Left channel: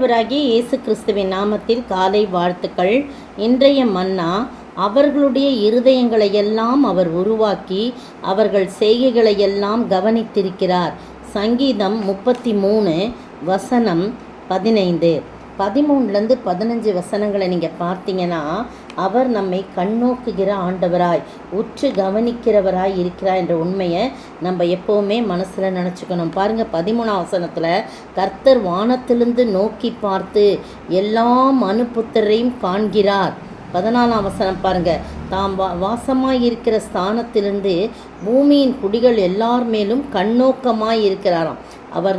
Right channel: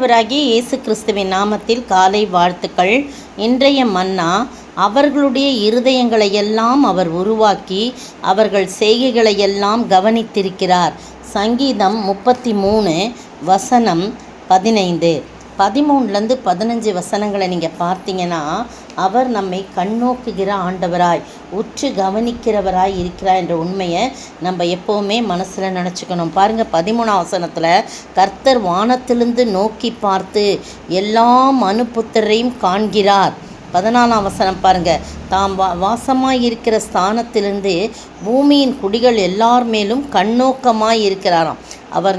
ஆண்டவராகிய இயேசு கிறிஸ்துவின் நாமத்தில் காலை வாழ்த்துக்கள். இன்றைய மன்னா, அவர்களுடைய இருதயங்களையெல்லாம் அவர் உருவாக்கி அவர்கள் செய்கைகளையெல்லாம் கவனித்திருக்கிறார். சங்கீதம் 33 வசனம் 15. 13லேருந்து 15 வசனங்களை நீங்கள் பார்த்தீங்கன்னா, அவர் நம்மை கண்ணோக்குகிற ஆண்டவராய் உற்று கவனிக்கிறவராய் இருக்கிறார் என்ற உண்மையை நம்ம எப்போவுமே மனசில் நினச்சிக்கணும். பாருங்கள், 13ஆம் வசனத்தில் கர்த்தர் வானத்திலிருந்து நோக்கி பார்த்து எல்லா மனுபுத்திரையும் காண்கிறார். 14ஆம் வசனம் பாருங்கள், தாம் வாசமாய் இருக்கிற ஸ்தானத்திலிருந்து பூமியின் குடிகள் எல்லார் மேலும் கண்ணோக்கமாய் இருக்கிறாராம். அவர்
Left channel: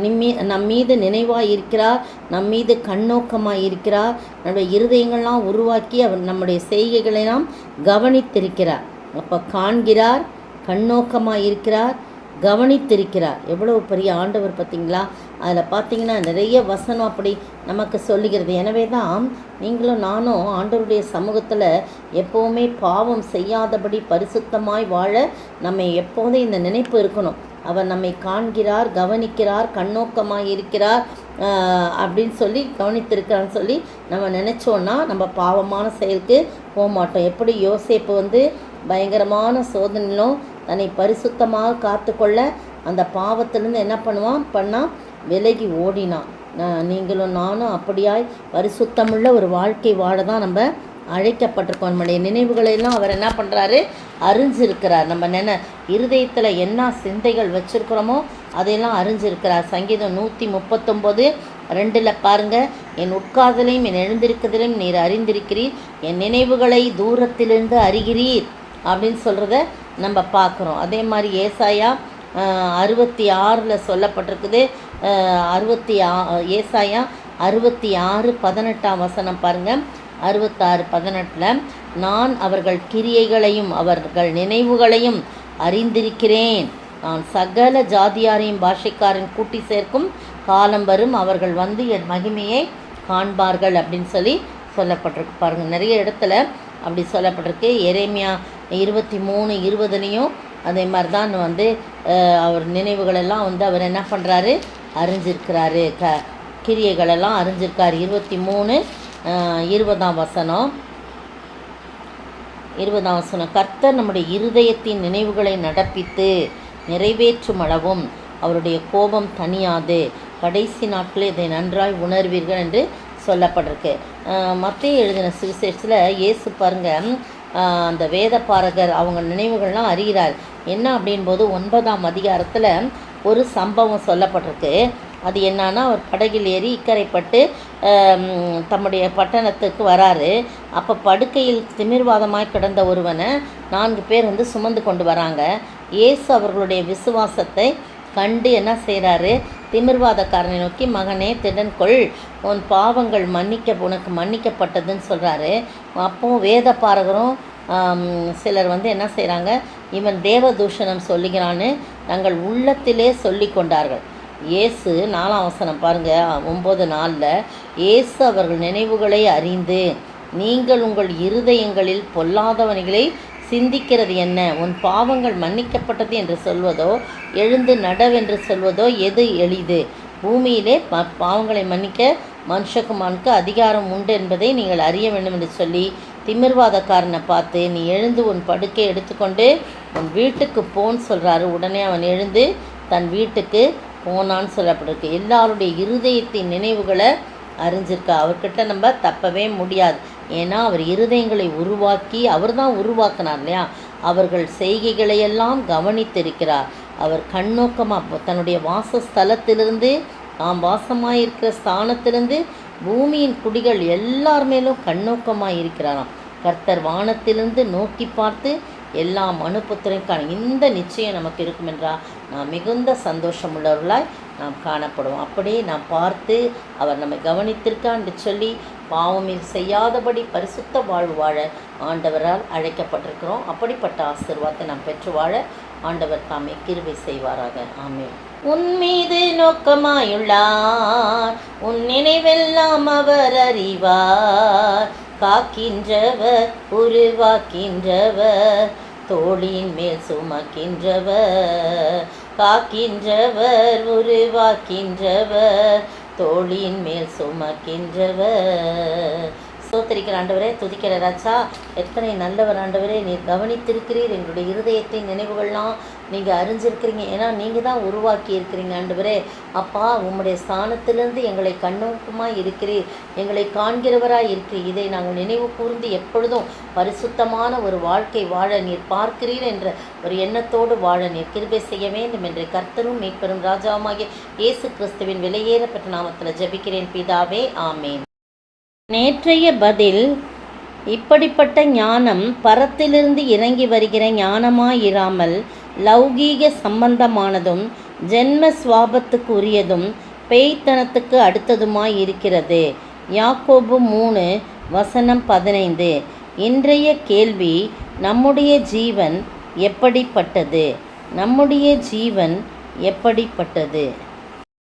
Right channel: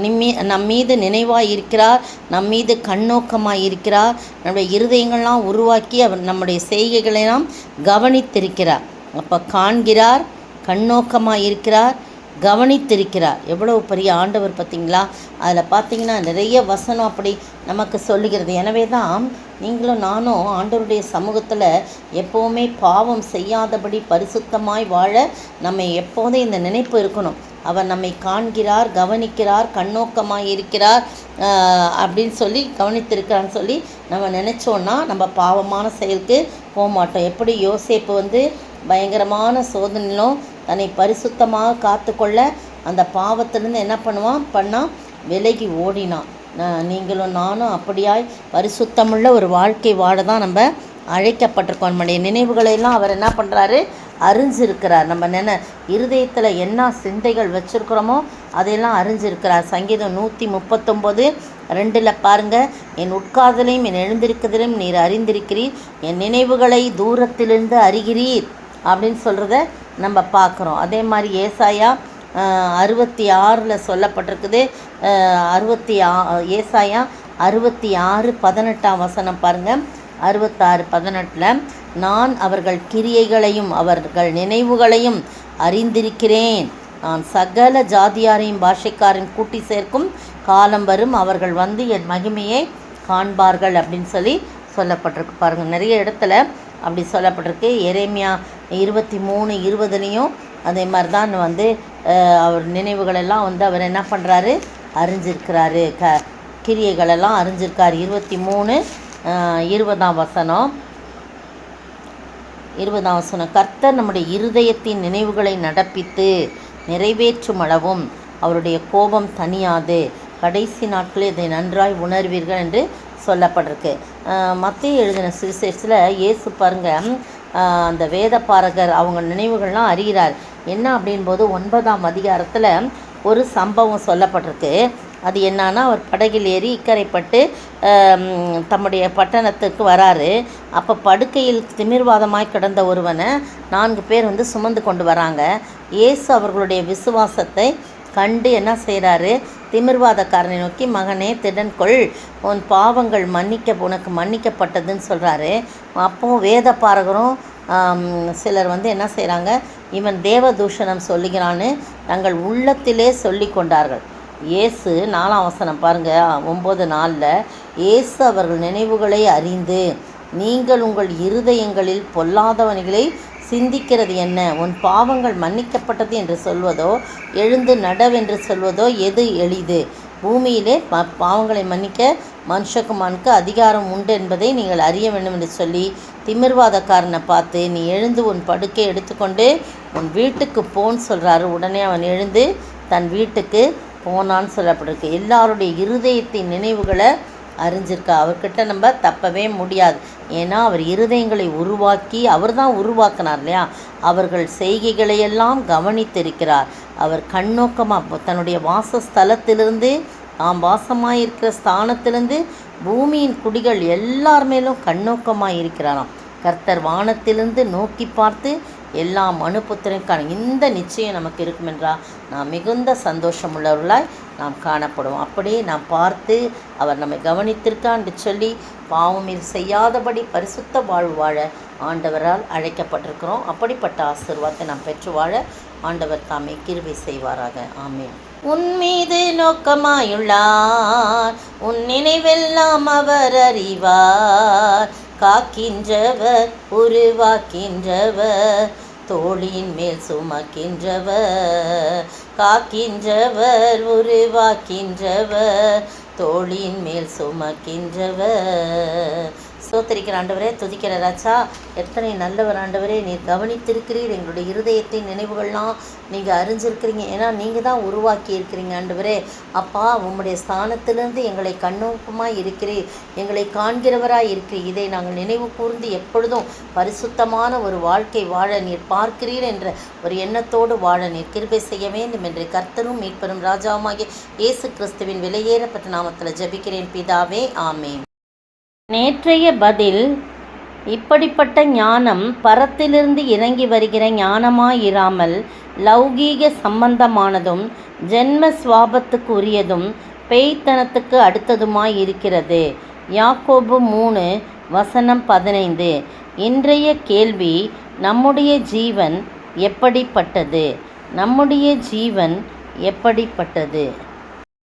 நம் மீது நினைவாய் இருக்கிறார், நம் மீது கண்ணோக்கமாய் இருக்கிறார். நம்முடைய இருதயங்கள்லாம் உருவாக்கி அவர் நம்முடைய செய்கைகளெல்லாம் கவனித்திருக்கிறார். அப்போ காண்கிறார், கண்ணோக்கமாய் இருக்கிறார், கவனித்திருக்கிறார். எவ்வளவு பெரிய ஆண்டவர் பார்த்தீங்களா? அதில் பார்த்தீங்கன்னா நிறைய வசனம் அப்படி நமக்கு சொல்லுகிறது. எனவே தான் நீங்களும் நானும் ஆண்டவருடைய சமூகத்தில் எப்போவுமே பாவம் செய்யாதபடி பரிசுத்தமாய் வாழ நம்ம எப்போதும் இந்த நினைப்பு இருக்கணும். அவர் நம்மை காண்கிறார், கவனிக்கிறார், கண்ணோக்கமாக இருக்கிறார் அப்படின்னு சொல்லி கவனித்திருக்கிறான்னு சொல்லி நம்ம நினச்சோன்னா நம்ம பாவமான செயலுக்கு போக மாட்டோம். எப்படி யோசேப்பு பயங்கரமான சோதனையிலும் தன்னை பரிசுத்தமாக காத்துக்கொள்ள அந்த பாவத்திலேருந்து என்ன பண்ணால் விலகி ஓடினான். நீங்களும் நானும் அப்படியாய் பரிசுத்தமுள்ள ஒரு வாழ்க்கை வாழ தான் நம்ம அழைக்கப்பட்டிருக்கோம். நம்முடைய நினைவுகளெல்லாம் அவர் என்ன பண்ணுறாரு? அறிஞ்சிருக்கிறார். நம்ம இருதயத்தில் என்ன சிந்தைகள் வச்சுருக்கிறோமோ அதையெல்லாம் அறிஞ்சிருக்கிறார். சங்கீதம் 139:2 பாருங்கள், என் உட்காதலையும் என் எழுந்திருக்கிறதையும் நீர் அறிந்திருக்கிறீர், என் நினைவுகளை தூரத்திலிருந்து அறிகிறீர் அப்படின்னு சொல்கிறத நம்ம பார்க்குறோம். அதே மாதிரி ஏசாயா 66 சொல்லப்பட்டிருக்குது. ஏசாயா 66:18 வசனம் பாருங்கள். 66:18, நான் அவர்கள் கிரியைகளையும் அவர்கள் நினைவுகளையும் அறிந்திருக்கிறேன், நான் சகல ஜாதியாரையும் பாஷைக்காரன் கூட்டி சேர்க்கும் காலம் வரும், அவர்கள் வந்து என் மகிமையை காண்பார்கள் அப்படின்னு சொல்லப்பட்டிருக்கு. பாருங்கள், நிறைய இடத்துல அப்படி சொல்லப்பட்டிருக்கு. எரேமியா 23:20 அதே மாதிரி தான் அவர் நினைவுகளெல்லாம் அவர் என்ன பண்ணுறாரு? அறிஞ்சிருக்கிறாரு. கிரியைகளெல்லாம் அறிஞ்சிருக்கார். 23:20 வசனம், கர்த்தர் நம்முடைய இருதயத்தின் நினைவுகளை நடப்பித்து நிறைவேற்றும் அளவும் அவருடைய கோபம் தணியாது, கடைசி நாட்களில் இதை நன்றாய் உணர்வீர்கள் என்று சொல்லப்பட்டிருக்கு. மத்தேயு எழுதின சுவிசேஷத்தில் இயேசு பாருங்கள், அந்த வேத பாரகர் அவங்க நினைவுகள்லாம் அறிகிறார். என்ன அப்படின்போது 9ஆம் அதிகாரத்தில் ஒரு சம்பவம் சொல்லப்பட்டிருக்கு. அது என்னன்னா, அவர் படகில் ஏறி இக்கரைப்பட்டு தம்முடைய பட்டணத்துக்கு வராரு. அப்போ படுக்கையில் திமிர்வாதமாய் கிடந்த ஒருவனை 4 பேர் சுமந்து கொண்டு வராங்க. இயேசு அவர்களுடைய விசுவாசத்தை கண்டு என்ன செய்கிறாரு? திமிர்வாதக்காரனை நோக்கி, மகனே திடன்கொள், உன் பாவங்கள் உனக்கு மன்னிக்கப்பட்டதுன்னு சொல்கிறாரு. அப்போது வேத பாரகரும் சிலர் என்ன செய்கிறாங்க? இவன் தேவதூஷணம் சொல்லுகிறான்னு தங்கள் உள்ளத்திலே சொல்லி கொண்டார்கள். இயேசு 4ஆம் வசனம் பாருங்கள், 9:4, இயேசு அவர்கள் நினைவுகளை அறிந்து, நீங்கள் உங்கள் இருதயங்களில் பொல்லாதவனிகளை சிந்திக்கிறது என்ன? உன் பாவங்கள் மன்னிக்கப்பட்டது என்று சொல்வதோ எழுந்து நடவென்று சொல்வதோ எது எளிது? பூமியிலே பாவங்களை மன்னிக்க மனுஷகுமானுக்கு அதிகாரம் உண்டு என்பதை நீங்கள் அறிய வேண்டும் என்று சொல்லி திமிர்வாதக்காரனை பார்த்து, நீ எழுந்து உன் படுக்கை எடுத்துக்கொண்டு உன் வீட்டுக்கு போன்னு சொல்கிறாரு. உடனே அவன் எழுந்து தன் வீட்டுக்கு போனான்னு சொல்லப்பட்டிருக்கு. எல்லாருடைய இருதயத்தின் நினைவுகளை அறிஞ்சிருக்கா. அவர்கிட்ட நம்ம தப்பவே முடியாது. ஏன்னா அவர் இருதயங்களை உருவாக்கி அவர் தான் உருவாக்கினார் இல்லையா? அவர்கள் செய்கைகளையெல்லாம் கவனித்திருக்கிறார். அவர் கண்ணோக்கமாக தன்னுடைய வாசஸ்தலத்திலிருந்து தாம் வாசமாயிருக்கிற ஸ்தானத்திலிருந்து பூமியின் குடிகள் எல்லார் மேலும் கண்ணோக்கமாக இருக்கிறாராம். கர்த்தர் வானத்திலிருந்து நோக்கி பார்த்து எல்லா மனுபுத்திரனுக்கான இந்த நிச்சயம் நமக்கு இருக்கும் என்றால் நாம் மிகுந்த சந்தோஷம் உள்ளவர்களாய் நாம் காணப்படுவோம். அப்படியே நாம் பார்த்து அவர் நம்மை கவனித்திருக்கான் என்று சொல்லி பாவம் செய்யாதபடி பரிசுத்த வாழ்வு வாழ ஆண்டவரால் அழைக்கப்பட்டிருக்கிறோம். அப்படிப்பட்ட ஆசீர்வாதத்தை நாம் பெற்று வாழ ஆண்டவர் தாமே கிருபை செய்வாராக. ஆமென். உன் மீது நோக்கமாயுள்ளார், உன் நினைவெல்லாம் அவர் அறிவார், காக்கின்றவர் உருவாக்கின்றவர், தோளின் மேல் சுமக்கின்றவர், காக்கின்றவர் உருவாக்கின்றவர், தோளின் மேல் சுமக்கின்றவர். ஸ்தோத்திரிக்கிற ஆண்டவரே, துதிக்கிற ராஜா, எத்தனை நல்லவர் ஆண்டவரே. நீர் கவனித்திருக்கிறீர், எங்களுடைய இருதயத்தின் நினைவுகள்லாம் நீங்கள் அறிஞ்சிருக்கிறீங்க. ஏன்னா நீங்கள் தான் உருவாக்கி இருக்கிறீங்க ஆண்டவரே. அப்பா, உம்முடைய ஸ்தானத்திலிருந்து எங்களை கண்ணோக்கமாக இருக்கிறீர், எங்களை காண்கிறவராக இருக்கிறீர். இதை நாங்கள் நினைவு கூர்ந்து எப்பொழுதும் பரிசுத்தமான ஒரு வாழ்க்கை வாழ நீர் பார்க்கிறீர் என்ற ஒரு எண்ணத்தோடு வாழ நீர் கிருபை செய்ய வேண்டும் என்று கர்த்தரும் மீட்பெரும் ராஜாவுமாகிய இயேசு கிறிஸ்துவின் விலையேறப்பட்ட நாமத்தில் ஜெபிக்கிறேன் பிதாவே, ஆமேன். நேற்றைய பதில்: இப்படிப்பட்ட ஞானம் பரத்திலிருந்து இறங்கி வருகிற ஞானமாயிராமல் லௌகீக சம்பந்தமானதும் ஜென்ம சுவாபத்துக்கு உரியதும் பேய்த்தனத்துக்கு அடுத்ததுமாய் இருக்கிறது. யாக்கோபு 3:15. இன்றைய கேள்வி: நம்முடைய ஜீவன் எப்படிப்பட்டது? நம்முடைய ஜீவன் எப்படிப்பட்டது?